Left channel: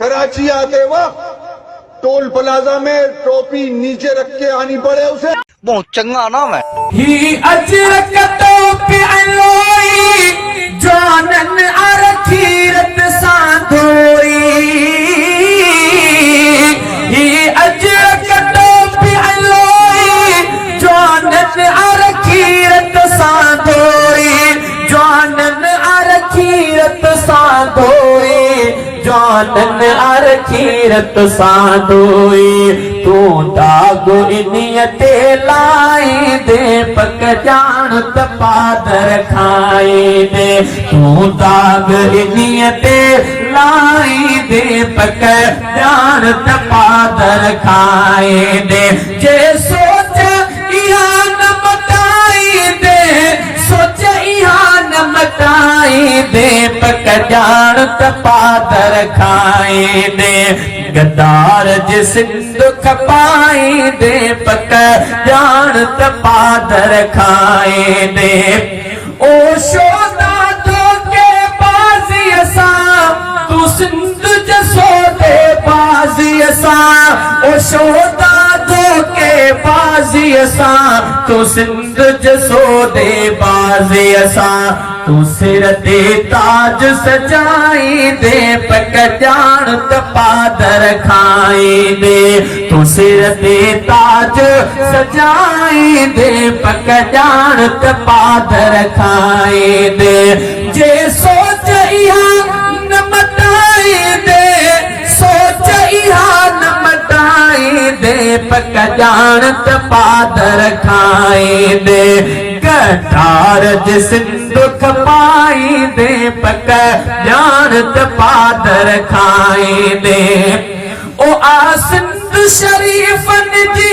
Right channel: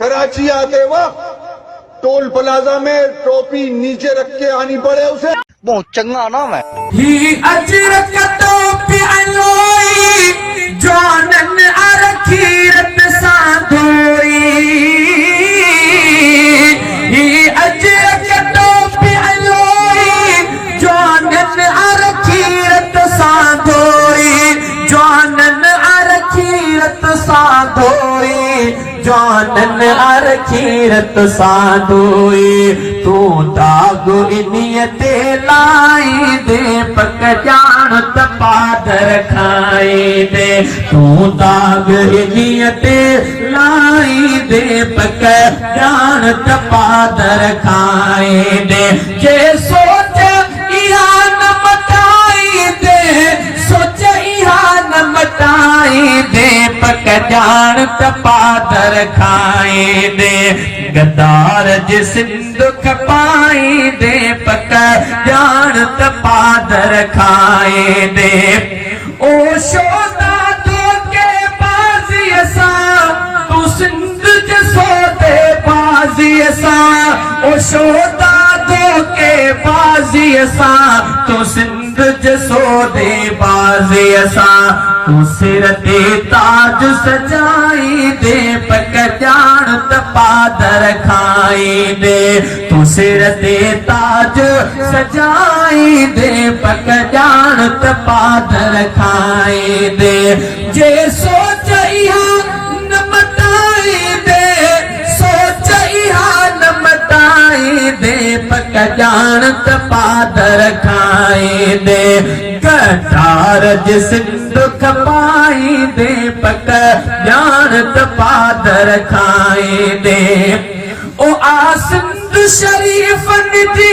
कराची आते वक्त toll plaza में टोपी नीचे रख के आनी पड़े उसे। बहुत चंगा नाम है। ही अजरक टोपी अलोई जानन अरखीरत साधोई। ही अजरक टोपी अलोई जानन अरखीरत साधोई। जानन अरखीरत साधोई। जानन अरखीरत साधोई। तू दाग इनियते लाई दे पक जानत पादर खाई दे। तू दाग इनियते लाई दे पक जानत पादर खाई दे। जे सोचे इहा न मटाई दे। सोचे इहा न मटाई दे पक जानत पादर खाई दे। गद्दार जिस दुख पाई दे पक जानत पादर खाए दे। ओ शोदा धोखे बाजी असा तू सिंध जसो दे बाजी असा। ओ शोदा धोखे बाजी असा तू सिंध जसो दे बाजी असा। तू सिर ते ताज सजाई दे पक जानत पादर खाई दे। तू सिर ते ताज सजाई दे पक जानत पादर खाई दे। जे सोच इहा न मटाई दे। सोच इहा न मटाई दे पक जानत पादर खाई दे। कटार जिस दुख पाई दे पक जानत पादर खाई दे। ओ आसिंद शरीफन जी